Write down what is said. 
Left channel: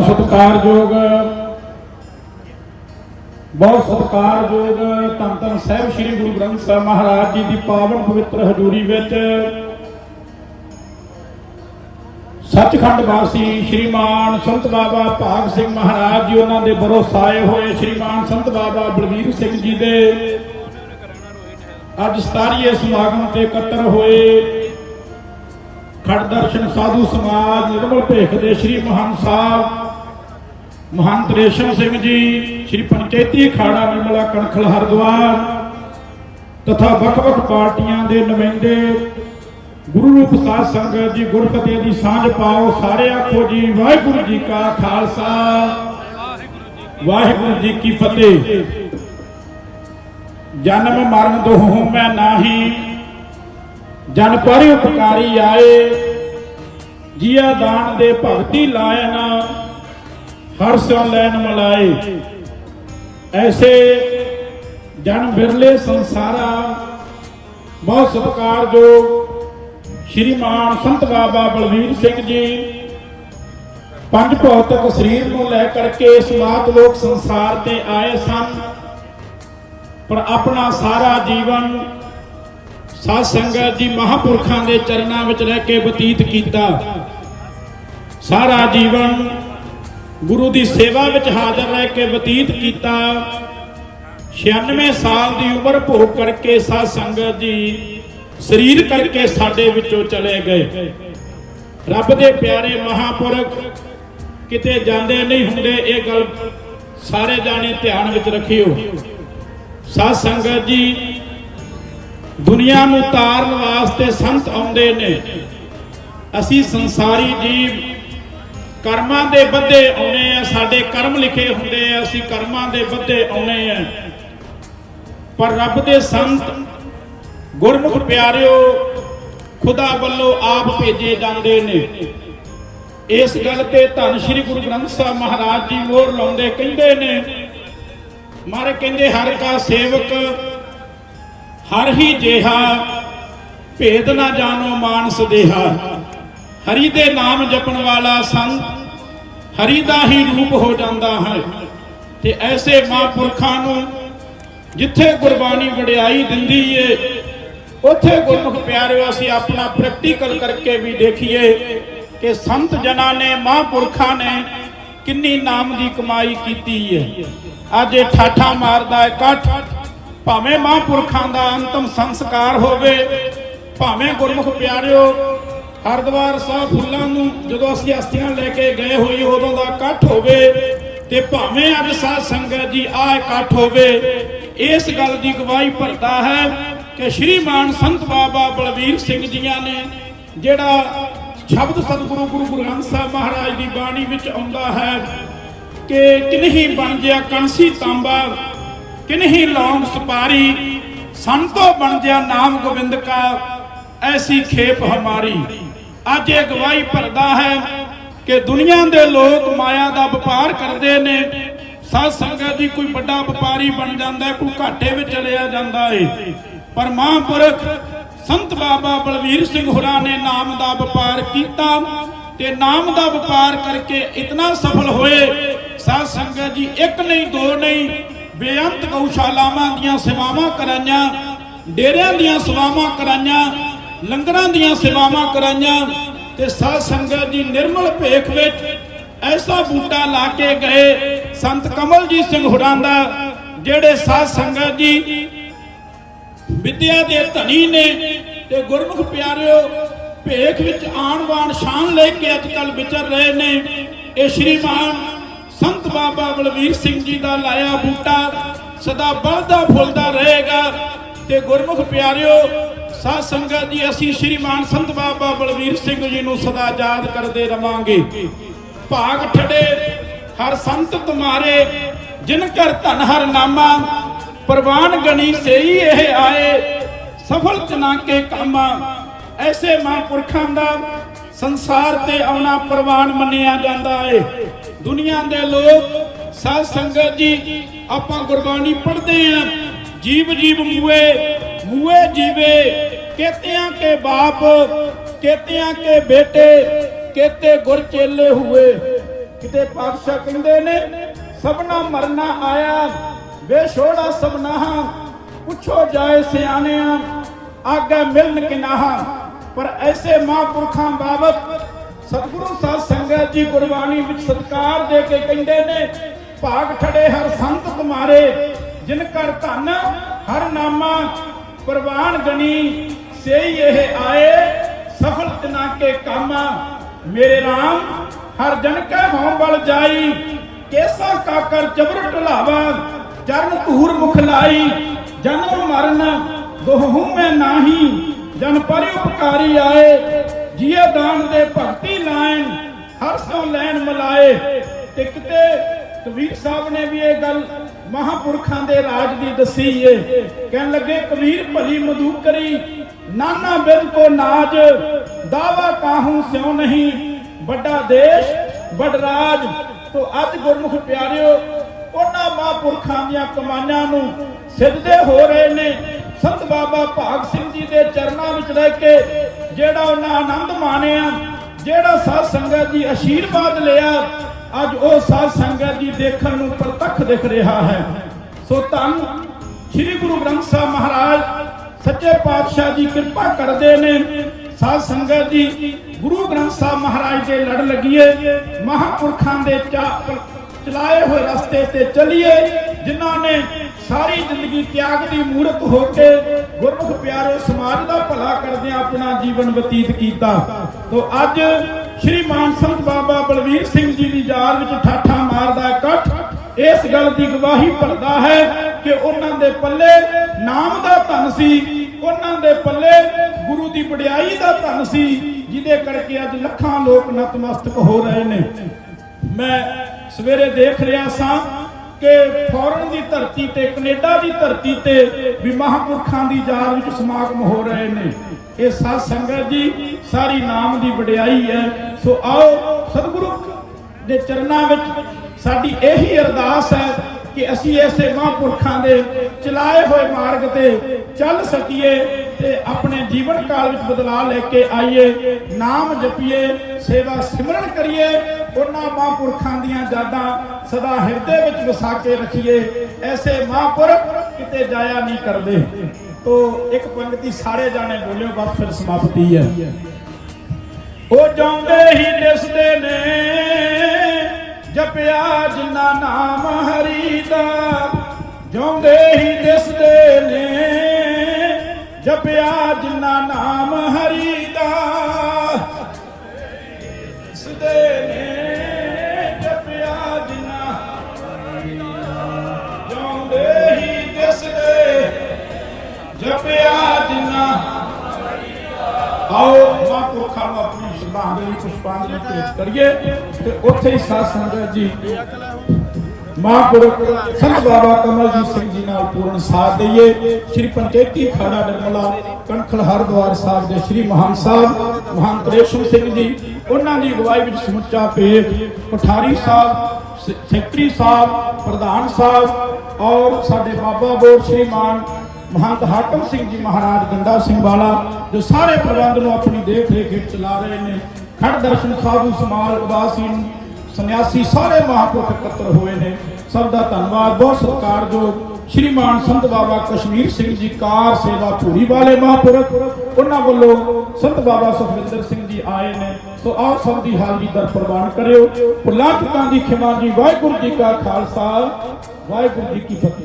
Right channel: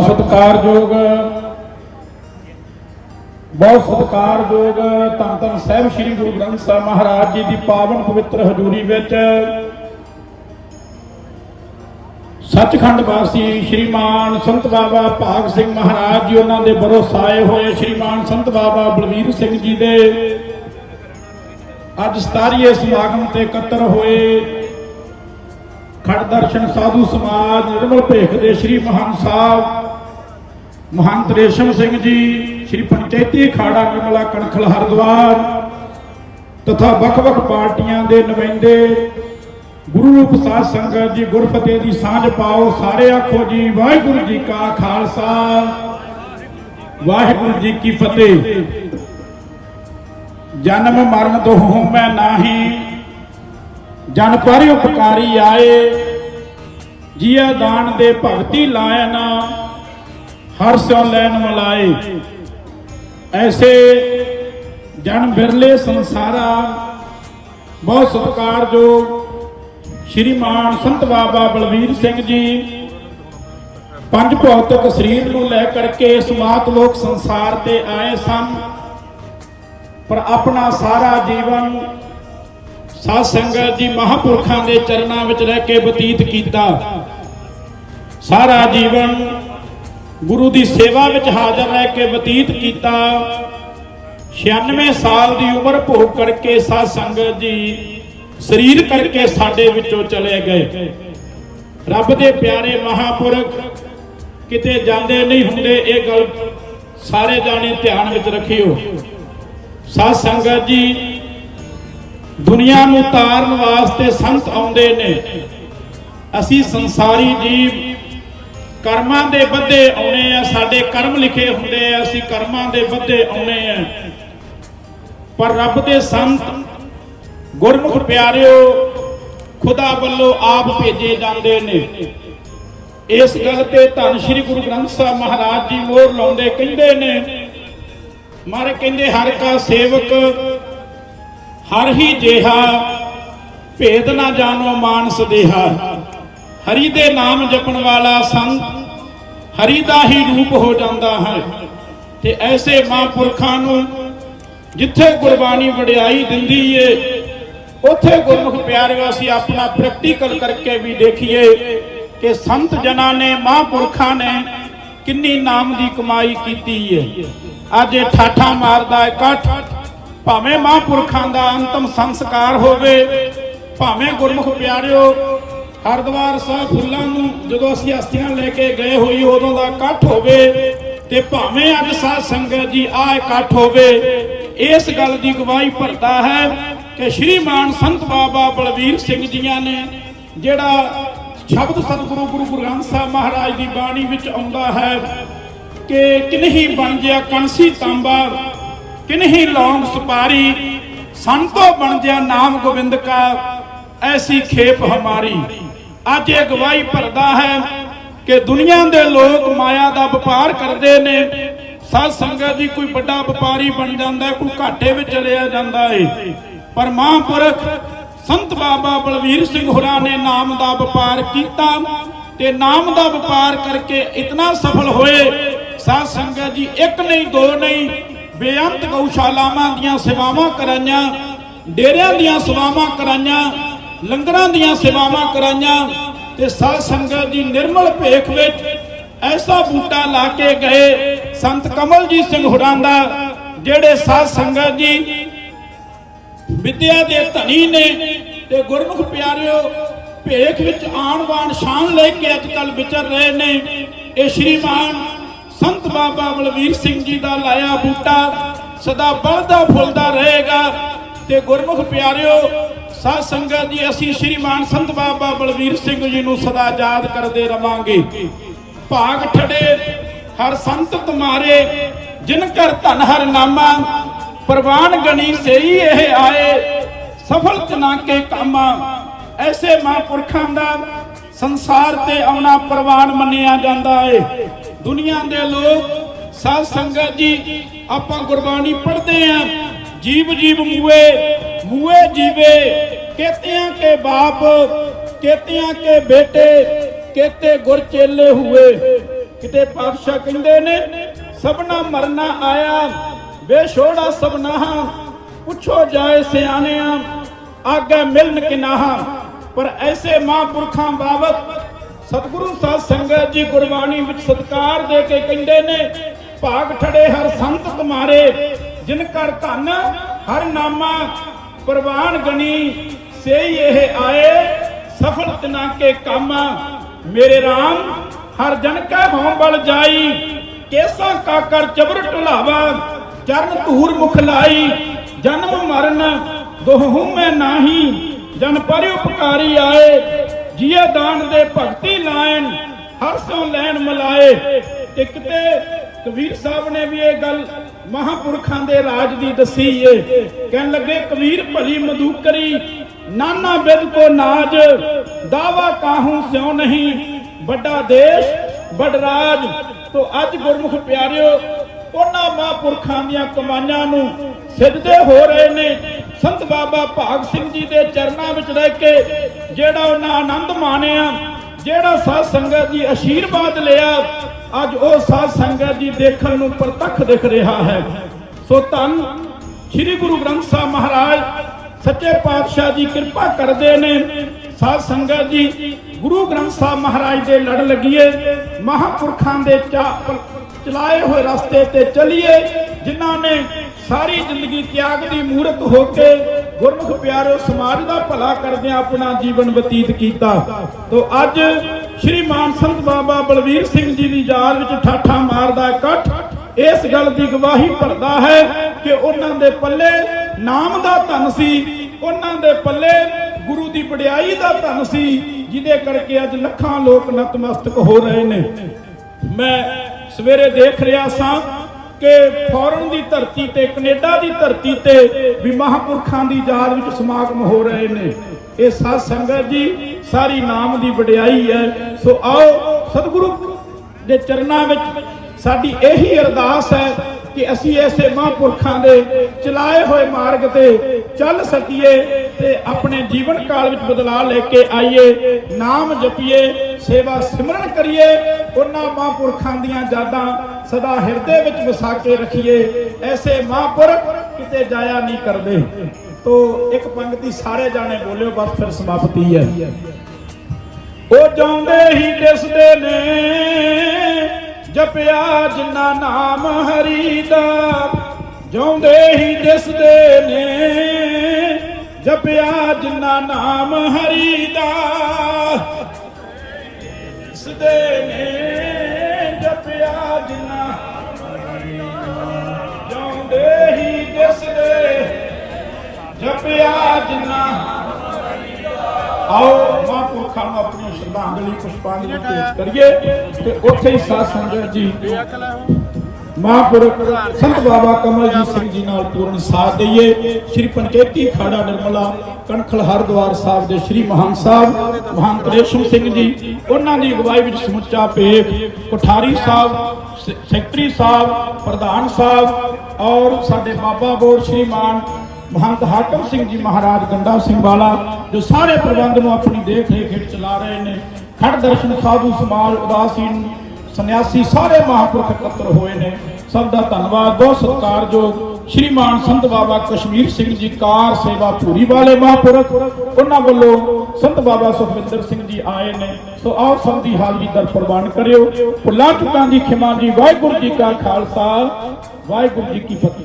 ਸਤਿਕਾਰਯੋਗ, ਬਹੁਤ ਸਤਿਕਾਰਯੋਗ ਧੰਨ ਧੰਨ ਸਾਹਿਬ ਸ੍ਰੀ ਗੁਰੂ ਗ੍ਰੰਥ ਸਾਹਿਬ ਮਹਾਰਾਜ ਜੀ ਦੀ ਪਾਵਨ ਪਵਿੱਤਰ ਹਜ਼ੂਰੀ ਵਿੱਚ ਸੱਚਖੰਡ ਵਾਸੀ ਸ਼੍ਰੀਮਾਨ ਸੰਤ ਬਾਬਾ ਭਾਗ ਸਿੰਘ ਮਹਾਰਾਜ ਜੀ, ਉਹਨਾਂ ਦੇ ਬਰੋਸਾਏ ਹੋਏ ਸ਼੍ਰੀਮਾਨ ਸੰਤ ਬਾਬਾ ਬਲਵੀਰ ਸਿੰਘ ਜੀ ਦੇ ਅੱਜ 17ਵੇਂ ਸਮਾਗਮ ਤੇ ਇਕੱਤਰ ਹੋਏ ਖੜ ਦਰਸ਼ਨ ਸਾਧੂ ਸਮਾਜ, ਨਿਰਮਲ ਭੇਖ ਦੇ ਸ਼੍ਰੀ ਮਹਾਨ ਸਾਹਿਬ ਮਹੰਤ ਰੇਸ਼ਮ ਸਿੰਘ ਜੀ, ਸ਼੍ਰੀ ਪੰਚਾਇਤੀ ਅਖਾੜਾ ਨਿਰਮਲਾ ਕਣਖਲ ਹਰਦੁਆਰ ਤਥਾ ਵੱਖ-ਵੱਖ ਪਾਰਟੀਆਂ ਦੇ ਨੁਮਾਇੰਦੇ, ਗੁਰੂ ਰੂਪ ਸਾਧ ਸੰਗਤ ਜੀ ਗੁਰਫਤਿਹ ਦੀ ਸਾਂਝ ਪਾਓ, ਸਾਰੇ ਆਖੋ ਜੀ, ਵਾਹਿਗੁਰੂ ਜੀ ਕਾ ਖਾਲਸਾ, ਵਾਹਿਗੁਰੂ ਜੀ ਕੀ ਫਤਿਹ। ਜਨਮ ਮਰਨ ਦੋਹੋਂ ਮੈਂ ਨਾਹੀ, ਜਨ ਪਰ ਉਪਕਾਰੀ ਆਏ, ਜੀਆ ਦਾਨ ਦੇ ਭਗਤੀ ਲਾਇ ਨਾ। ਹਰ ਸੋ ਲੈਣ ਮਲਾਏ ਐਸੇ ਜਨ ਬਿਰਲੇ ਸੰਸਾਰਾ, ਬਹੁਤ ਸਤਿਕਾਰ ਸਤਿਕਾਰਯੋਗ ਸ਼੍ਰੀਮਾਨ ਸੰਤ ਬਾਬਾ ਬਲਵੀਰ ਸਿੰਘ ਜੀ ਪੰਜ ਭੌਤਿਕ ਸਰੀਰ ਨੂੰ ਲੈ ਕਰਕੇ ਇਸ ਮਾਤ ਲੋਕ ਸੰਸਾਰ ਤੇ ਆਏ ਸਨ। ਪਰ ਆਪਣਾ ਸਾਰਾ ਜੀਵਨ ਸਾਧ ਸੰਗਤ ਜੀ ਮਹਾਪੁਰਖਾਂ ਦੇ ਚਰਨਾਂ ਵਿੱਚ ਰਹਿ ਕੇ ਬਤੀਤ ਕੀਤਾ। ਸਾਰਾ ਜੀਵਨ ਗੁਰੂ ਦੀ ਸੇਵਾ ਵਿੱਚ ਹਾਜ਼ਰ ਰਹਿ ਕੇ ਬਤੀਤ ਕੀਤਾ। 96 ਸਾਲ ਦੀ ਉਮਰ ਭੋਗ ਕਰਕੇ ਸਾਧ ਸੰਗਤ ਜੀ ਸਰੀਰ ਕਰਕੇ ਸਾਡੇ ਵਿੱਚੋਂ ਚਲੇ ਗਏ। ਰੱਬ ਦੇ ਪਿਆਰੇ ਮਹਾਪੁਰਖ, ਕਿਤੇ ਜਾਂਦੇ ਨਹੀਂ ਹੁੰਦੇ, ਇਹ ਗੱਲ ਸਾਰੇ ਜਾਣੇ ਧਿਆਨ ਵਿੱਚ ਰੱਖਿਓ। ਸਾਧ ਸੰਗਤ ਜੀ, ਦੁਨੀਆ ਨੂੰ ਤਾਰਨ ਵਾਸਤੇ ਸੰਤ ਆਉਂਦੇ ਨੇ। ਅਸੀਂ ਸੰਸਾਰੀ ਜੀਵ ਕਰਮਾਂ ਦੇ ਬੱਧੇ ਆਉਣੇ ਆ, ਸਾਡੇ ਕਰਮ ਲਿਖੇ ਹੁੰਦੇ ਆ, ਅਸੀਂ ਕਰਮਾਂ ਦੇ ਬੱਧੇ ਆਉਣੇ ਆ। ਪਰ ਰੱਬ ਦੇ ਸੰਤ, ਗੁਰਮੁਖ ਪਿਆਰਿਓ, ਖੁਦਾ ਵੱਲੋਂ ਆਪ ਭੇਜੇ ਜਾਂਦੇ ਨੇ। ਇਸ ਗੱਲ ਤੇ ਧੰਨ ਸ਼੍ਰੀ ਗੁਰੂ ਗ੍ਰੰਥ ਸਾਹਿਬ ਮਹਾਰਾਜ ਜੀ ਮੋਹਰ ਲਾਉਂਦੇ ਕਹਿੰਦੇ ਨੇ, ਮਾਰੇ ਕਹਿੰਦੇ ਹਰ ਕਾ ਸੇਵਕ, ਹਰ ਹੀ ਜਿਹਾ, ਭੇਦ ਨਾ ਜਾਣੋ ਮਾਨਸ ਦੇਹਾ। ਹਰੀ ਦੇ ਨਾਮ ਜਪਣ ਵਾਲਾ ਸੰਤ ਹਰੀ ਦਾ ਹੀ ਰੂਪ ਹੋ ਜਾਂਦਾ ਹੈ। ਤੇ ਐਸੇ ਮਹਾਂਪੁਰਖਾਂ ਨੂੰ ਜਿੱਥੇ ਗੁਰਬਾਣੀ ਵਡਿਆਈ ਦਿੰਦੀ ਏ, ਉੱਥੇ ਗੁਰਮੁਖ ਪਿਆਰਿਓ, ਅਸੀਂ ਆਪਣਾ ਪ੍ਰੈਕਟੀਕਲ ਕਰਕੇ ਵੀ ਦੇਖੀਏ ਕਿ ਸੰਤ ਜਨਾਂ ਨੇ, ਮਹਾਂਪੁਰਖਾਂ ਨੇ ਕਿੰਨੀ ਨਾਮ ਦੀ ਕਮਾਈ ਕੀਤੀ ਏ। ਅੱਜ ਇਹ ਠਾਠਾ ਮਾਰਦਾ ਇਕੱਠ, ਭਾਵੇਂ ਮਹਾਂਪੁਰਖਾਂ ਦਾ ਅੰਤਮ ਸੰਸਕਾਰ ਹੋਵੇ, ਭਾਵੇਂ ਗੁਰਮੁਖ ਪਿਆਰਿਓ ਹਰਦੁਆਰ ਸਾਹਿਬ ਫੁੱਲਾਂ ਨੂੰ ਜਦੋਂ ਅਸੀਂ ਅਸਥੀਆਂ ਲੈ ਕੇ ਗਏ ਹੋਈ ਉਦੋਂ ਦਾ ਇਕੱਠ ਹੋਵੇ ਤੇ ਭਾਵੇਂ ਅੱਜ ਸਾਧ ਸੰਗਤ ਜੀ ਆ ਇਕੱਠ ਹੋਵੇ, ਇਸ ਗੱਲ ਦੀ ਗਵਾਹੀ ਭਰਦਾ ਹੈ ਕਿ ਸ਼੍ਰੀਮਾਨ ਸੰਤ ਬਾਬਾ ਬਲਵੀਰ ਸਿੰਘ ਜੀਆਂ ਨੇ ਜਿਹੜਾ ਸ਼ਬਦ ਸਤਿਗੁਰੂ ਗੁਰੂ ਗ੍ਰੰਥ ਸਾਹਿਬ ਮਹਾਰਾਜ ਦੀ ਬਾਣੀ ਵਿੱਚ ਆਉਂਦਾ ਹੈ ਕਿ ਕਿਨਹੀ ਬਣ ਗਿਆ ਕਣਸੀ ਤਾਂਬਾ, ਕਿਨਹੀ ਲੌਂਗ ਸੁਪਾਰੀ, ਸੰਤੋ ਬਣ ਗਿਆ ਨਾਮ ਗੋਬਿੰਦ ਕਾ, ਐਸੀ ਖੇਪ ਹਮਾਰੀ। ਅੱਜ ਇਹ ਗਵਾਹੀ ਭਰਦਾ ਹੈ ਕਿ ਦੁਨੀਆ ਦੇ ਲੋਕ ਮਾਇਆ ਦਾ ਵਪਾਰ ਕਰਦੇ ਨੇ। ਸਾਧ ਸੰਗਤ ਦੀ ਕੋਈ ਵੱਡਾ ਵਪਾਰੀ ਬਣ ਜਾਂਦਾ ਹੈ, ਕੋਈ ਘਾਟੇ ਵਿੱਚ ਚਲਿਆ ਜਾਂਦਾ ਏ ਪਰ ਮਹਾਂਪੁਰਖ ਸੰਤ ਬਾਬਾ ਬਲਵੀਰ ਸਿੰਘ ਹੋਰਾਂ ਨੇ ਨਾਮ ਦਾ ਵਪਾਰ ਕੀਤਾ ਤੇ ਨਾਮ ਦਾ ਵਪਾਰ ਕਰਕੇ ਇਤਨਾ ਸਫਲ ਹੋਏ। ਸਾਧ ਸੰਗਤ ਜੀ ਇੱਕ ਨਹੀਂ ਦੋ ਨਹੀਂ ਬੇਅੰਤ ਗਊਸ਼ਾਲਾਵਾਂ ਦੀਆਂ ਸੇਵਾਵਾਂ ਕਰਾਈਆਂ ਡੇਰਿਆਂ ਦੀਆਂ ਸੇਵਾਵਾਂ ਕਰਾਈਆਂ ਲੰਗਰਾਂ ਦੀਆਂ ਸੇਵਾਵਾਂ ਕਰਾਈਆਂ ਤੇ ਸਾਧ ਸੰਗਤ ਜੀ ਨਿਰਮਲ ਭੇਖ ਵਿੱਚ ਐਸਾ ਬੂਟਾ ਲਾ ਕੇ ਗਏ ਸੰਤ ਕਮਲਜੀਤ ਸਿੰਘ ਹੁਰਾਂ ਦਾ, ਜਿਹੜੇ ਸਾਧ ਸੰਗਤ ਜੀ ਵਿਦਿਆ ਦੇ ਧਨੀ ਨੇ ਤੇ ਗੁਰਮੁਖ ਪਿਆਰਿਓ, ਭੇਖ ਵਿੱਚ ਆਣ ਬਾਣ ਸ਼ਾਨ ਲੈ ਕੇ ਅੱਜ ਕੱਲ ਵਿਚਰ ਰਹੇ ਨੇ। ਇਹ ਸ਼੍ਰੀਮਾਨ ਸੰਤ ਬਾਬਾ ਬਲਵੀਰ ਸਿੰਘ ਜੀ ਦਾ ਲਾਇਆ ਬੂਟਾ ਸਦਾ ਬਲਦਾ ਫੁੱਲਦਾ ਰਹੇਗਾ ਤੇ ਗੁਰਮੁਖ ਪਿਆਰਿਓ ਸਾਧ ਸੰਗਤ ਜੀ, ਅਸੀਂ ਸ਼੍ਰੀਮਾਨ ਸੰਤ ਬਾਬਾ ਬਲਵੀਰ ਸਿੰਘ ਜੀ ਨੂੰ ਸਦਾ ਯਾਦ ਕਰਦੇ ਰਵਾਂਗੇ। ਭਾਗ ਠੜੇ, ਹਰ ਸੰਤ ਤੁਮਾਰੇ ਜਿਨ ਕਰ ਧਨ ਹਰ ਨਾਮਾ, ਪ੍ਰਵਾਨ ਗਣੀ ਸਈ ਇਹ ਆਏ, ਸਫਲ ਚਨਾ ਕੇ ਕਾਮਾ। ਐਸੇ ਮਹਾਂਪੁਰਖਾਂ ਦਾ ਸੰਸਾਰ ਤੇ ਆਉਣਾ ਪ੍ਰਵਾਨ ਮੰਨਿਆ ਜਾਂਦਾ ਏ। ਦੁਨੀਆ ਦੇ ਲੋਕ ਸਾਧ ਸੰਗਤ ਜੀ, ਆਪਾਂ ਗੁਰਬਾਣੀ ਪੜ੍ਹਦੇ ਆਂ। ਜੀਵ ਜੀਵ ਮੂਏ ਮੂਏ ਜੀਵੇ ਕੇਤਿਆਂ ਕੇ ਬਾਪ, ਕੇਤਿਆਂ ਕੇ ਬੇਟੇ, ਕੇਤੇ ਗੁਰ ਚੇਲੇ ਹੁਏ। ਕਿਤੇ ਪਾਤਸ਼ਾਹ ਕਹਿੰਦੇ ਨੇ, ਸਭਨਾ ਮਰਨਾ ਆਇਆ ਬੇਸ਼ੋੜਾ ਸਭਨਾ, ਪੁੱਛੋ ਜਾਏ ਸਿਆਣਿਆਂ, ਆਗੇ ਮਿਲਨ ਕਿਨਾਹਾ। ਪਰ ਐਸੇ ਮਹਾਂਪੁਰਖਾਂ ਬਾਬਤ ਸਤਿਗੁਰੂ ਸਾਧ ਸੰਗਤ ਜੀ ਗੁਰਬਾਣੀ ਵਿੱਚ ਸਤਕਾਰ ਦੇ ਕੇ ਕਹਿੰਦੇ ਨੇ, ਭਾਗ ਠੜੇ ਹਰ ਸੰਤ ਤੁਮਾਰੇ ਜਿਨ ਕਰ ਧਨ, ਹਰ ਨਾਮਾ ਪ੍ਰਵਾਨ ਗਣੀ, ਸੇਈ ਇਹ ਆਏ, ਸਫਲ ਤਿਨਾ ਕੇ ਕੰਮ, ਮੇਰੇ RAM ਹਰ ਜਨ ਕੈ ਹੋਂ ਬਲ ਜਾਈ, ਕੇਸਾ ਕਾ ਕਰ ਚਬਰ ਢਲਾਵਾ, ਚਰਨ ਧੂਰ ਮੁਖ ਲਾਈ, ਜਨਮ ਮਰਨ ਦੋਹੂ ਮੈਂ ਨਾਹੀ, ਜਨ ਪਰ ਉਪਕਾਰੀ ਆਏ, ਜੀਏ ਦਾਨ ਦੇ ਭਗਤੀ ਲਾਇਨ ਹਰ ਸੋ ਲੈਣ ਮਲਾਏ ਤੇ ਕਬੀਰ ਸਾਹਿਬ ਨੇ ਵੀ ਇਹ ਗੱਲ ਮਹਾਪੁਰਖਾਂ ਦੇ ਰਾਜ ਦੀ ਦੱਸੀ ਏ ਕਹਿਣ ਲੱਗੇ, ਕਬੀਰ ਭਲੀ ਮਧੂਕਰੀ, ਨਾਨਾ ਬਿਦ ਕੋ ਨਾਜ, ਦਾਵਾ ਕਾਹੂ ਸਿਉ ਨਹੀਂ? ਵੱਡਾ ਦੇਸ਼, ਵੱਡ ਰਾਜ, ਤੋ ਅੱਜ ਗੁਰਮੁਖ ਪਿਆਰਿਓ, ਉਹਨਾਂ ਮਹਾਂਪੁਰਖਾਂ ਦੀਆਂ ਕਮਾਈਆਂ ਨੂੰ ਸਿੱਧਦੇ ਹੋ ਰਹੇ ਨੇ। ਸੰਤ ਬਾਬਾ ਭਾਗ ਸਿੰਘ ਜੀ ਦੇ ਚਰਨਾਂ ਵਿੱਚ ਰਹਿ ਕੇ ਜਿਹੜਾ ਉਹਨਾਂ ਆਨੰਦ ਮਾਣਿਆ ਜਿਹੜਾ ਸਾਧ ਸੰਗਤ ਦੀ ਅਸ਼ੀਰਵਾਦ ਲਿਆ, ਅੱਜ ਉਹ ਸਾਧ ਸੰਗਤ ਜੀ ਦੇਖਣ ਨੂੰ ਪ੍ਰਤੱਖ ਦਿਖ ਰਿਹਾ ਹੈ। ਸੋ ਧੰਨ ਸ੍ਰੀ ਗੁਰੂ ਗ੍ਰੰਥ ਸਾਹਿਬ ਮਹਾਰਾਜ, ਸੱਚੇ ਪਾਤਸ਼ਾਹ ਜੀ ਕਿਰਪਾ ਕਰਦੇ ਨੇ। ਸਾਧ ਸੰਗਤ ਜੀ, ਗੁਰੂ ਗ੍ਰੰਥ ਸਾਹਿਬ ਮਹਾਰਾਜ ਦੇ ਲੜ ਲੱਗੀਏ, ਮਹਾਪੁਰਖਾਂ ਦੇ ਚਾ- ਚਲਾਏ ਹੋਏ ਰਸਤੇ ਤੇ ਚਲੀਏ, ਜਿਨ੍ਹਾਂ ਨੇ ਸਾਰੀ ਜ਼ਿੰਦਗੀ ਤਿਆਗ ਦੀ ਮੂਰਤ ਹੋ ਕੇ ਗੁਰਮੁਖ ਪਿਆਰੋ, ਸਮਾਜ ਦਾ ਭਲਾ ਕਰਦਿਆਂ ਆਪਣਾ ਜੀਵਨ ਬਤੀਤ ਕੀਤਾ। ਤੋ ਅੱਜ ਸ਼੍ਰੀ ਮਾਨ ਬਾਬਾ ਬਲਵੀਰ ਸਿੰਘ ਜੀ ਦੀ ਯਾਦ ਵਿੱਚ ਠਾਠਾ ਮਾਰਦਾ ਇਕੱਠ। ਇਸ ਗੱਲ ਦੀ ਗਵਾਹੀ ਭਰਦਾ ਹੈ ਕਿ ਉਹਨਾਂ ਦੇ ਪੱਲੇ ਨਾਮ ਦਾ ਧਨ ਸੀ, ਉਹਨਾਂ ਦੇ ਪੱਲੇ ਗੁਰੂ ਦੀ ਵਡਿਆਈ ਦਾ ਧਨ ਸੀ, ਜਿਹਦੇ ਕਰਕੇ ਅੱਜ ਲੱਖਾਂ ਲੋਕ ਨਤਮਸਤਕ ਹੋ ਰਹੇ ਨੇ। ਮੈਂ ਸਵੇਰੇ ਦੇਖ ਰਿਹਾ ਸਾਂ ਕਿ ਫੌਰਨ ਦੀ ਧਰਤੀ ਤੇ, ਕੈਨੇਡਾ ਦੀ ਧਰਤੀ ਤੇ ਵੀ ਮਹਾਪੁਰਖਾਂ ਦੀ ਯਾਦ ਵਿੱਚ ਸਮਾਗਮ ਹੋ ਰਹੇ ਨੇ। ਇਹ ਸਾਧ ਸੰਗਤ ਜੀ, ਸਾਰੀ ਨਾਮ ਦੀ ਵਡਿਆਈ ਹੈ। ਸੋ ਆਓ ਸਤਿਗੁਰੂ ਦੇ ਚਰਨਾਂ ਵਿੱਚ ਸਾਡੀ ਇਹੀ ਅਰਦਾਸ ਹੈ ਕਿ ਅਸੀਂ ਐਸੇ ਮਹਾਂਪੁਰਖਾਂ ਦੇ ਚਲਾਏ ਹੋਏ ਮਾਰਗ ਤੇ ਚੱਲ ਸਕੀਏ ਤੇ ਆਪਣੇ ਜੀਵਨ ਕਾਲ ਵਿੱਚ ਬਦਲਾਅ ਲੈ ਕੇ ਆਈਏ, ਨਾਮ ਜਪੀਏ, ਸੇਵਾ ਸਿਮਰਨ ਕਰੀਏ, ਉਹਨਾਂ ਮਹਾਂਪੁਰਖਾਂ ਦੀਆਂ ਯਾਦਾਂ ਸਦਾ ਹਿਰਦੇ ਵਿੱਚ ਵਸਾ ਕੇ ਰੱਖੀਏ, ਐਸੇ ਮਹਾਂਪੁਰਖ ਕਿਤੇ ਜਾਇਆ ਨਹੀਂ ਕਰਦੇ। ਤੋ ਇੱਕ ਪੰਕਤੀ ਸਾਰੇ ਜਾਣੇ ਬੋਲਿਓ, ਬਸ ਫਿਰ ਸਮਾਪਤੀ ਹੈ। ਉਹ ਜਾਉਂਦੇ ਹੀ ਦਿਸਦੇ ਨੇ, ਜਪਿਆ ਜਿੰਨਾ ਨਾਮ ਹਰੀ ਦਾ ਜਾਉਂਦੇ ਹੀ ਦਿਸਦੇ ਨੇ, ਜਪਿਆ ਜਿੰਨਾ ਨਾਮ ਹਰੀ ਦਾ ਪੁਸ਼ਪਾਂਜਲੀ ਕਰੀਏ ਤੇ ਉੱਥੇ ਹੀ ਸਾਧ ਸੰਗਤ ਜੀ, ਮਹਾਂਪੁਰਖ ਸੰਤ ਬਾਬਾ ਕਮਲਜੀਤ ਸਿੰਘ ਜੀ ਨਾਲ ਪੂਰਨ ਸਾਥ ਦਈਏ। ਸ੍ਰੀ ਪੰਚੈਤੀ ਖਾੜਾ ਨਿਰਮਲਾ, ਕਣਖਲ ਹਰਦੁਆਰ ਸਾਹਿਬ ਦੇ ਸ੍ਰੀ ਮਹਾਨ ਸਾਹਿਬ ਮਹਾਨ ਰੇਸ਼ਮ ਸਿੰਘ ਜੀ, ਉਹਨਾਂ ਦੀ ਅਗਵਾਈ ਵਿੱਚ ਸਮੁੱਚਾ ਭੇਟ ਕੋਠਾਰੀ ਸਾਹਿਬ ਸੈਕਟਰੀ ਸਾਹਿਬ, ਪ੍ਰਧਾਨ ਸਾਹਿਬ ਔਰ ਸਾਡੇ ਬਾਬਾ ਬੋਰ ਸ਼੍ਰੀਮਾਨ ਮਹੰਤ ਹਾਕਮ ਸਿੰਘ ਜੀ ਮਹਾਰਾਜ ਗੰਡਾ ਸਿੰਘ ਵਾਲਾ, ਜੋ ਸਾਰੇ ਪ੍ਰਬੰਧ ਨੂੰ ਆਪਣੀ ਦੇਖ ਰੇਖ ਹੇਠ ਚਲਾ ਰਹੇ ਨੇ। ਖੜ ਦਰਸ਼ਨ ਸਾਧੂ ਸਮਾਜ ਉਦਾਸੀਨ ਸੰਨਿਆਸੀ ਸਾਰੇ ਮਹਾਂਪੁਰਖ ਇਕੱਤਰ ਹੋਏ ਨੇ। ਸਭ ਦਾ ਧੰਨਵਾਦ, ਬਹੁਤ ਸਤਿਕਾਰਯੋਗ ਸ਼੍ਰੀਮਾਨ ਸੰਤ ਬਾਬਾ ਕਸ਼ਮੀਰ ਸਿੰਘ ਜੀ, ਕਾਰ ਸੇਵਾ ਪੂਰੀ ਵਾਲੇ ਮਹਾਂਪੁਰਖ। ਉਹਨਾਂ ਵੱਲੋਂ ਸੰਤ ਬਾਬਾ ਸੁਖਵਿੰਦਰ ਸਿੰਘ ਜੀ ਆਏ ਨੇ। ਸੋ ਆਪ ਸਭ ਦੀ ਹਾਜ਼ਰੀ ਦਰ ਪ੍ਰਵਾਨ ਕਰਿਓ। ਭੁੱਲਾਂ ਚੁੱਕਾਂ ਦੀ ਖਿਮਾ ਜੀ, ਵਾਹਿਗੁਰੂ ਜੀ ਕਾ ਖਾਲਸਾ, ਵਾਹਿਗੁਰੂ ਜੀ ਕੀ ਫਤਿਹ।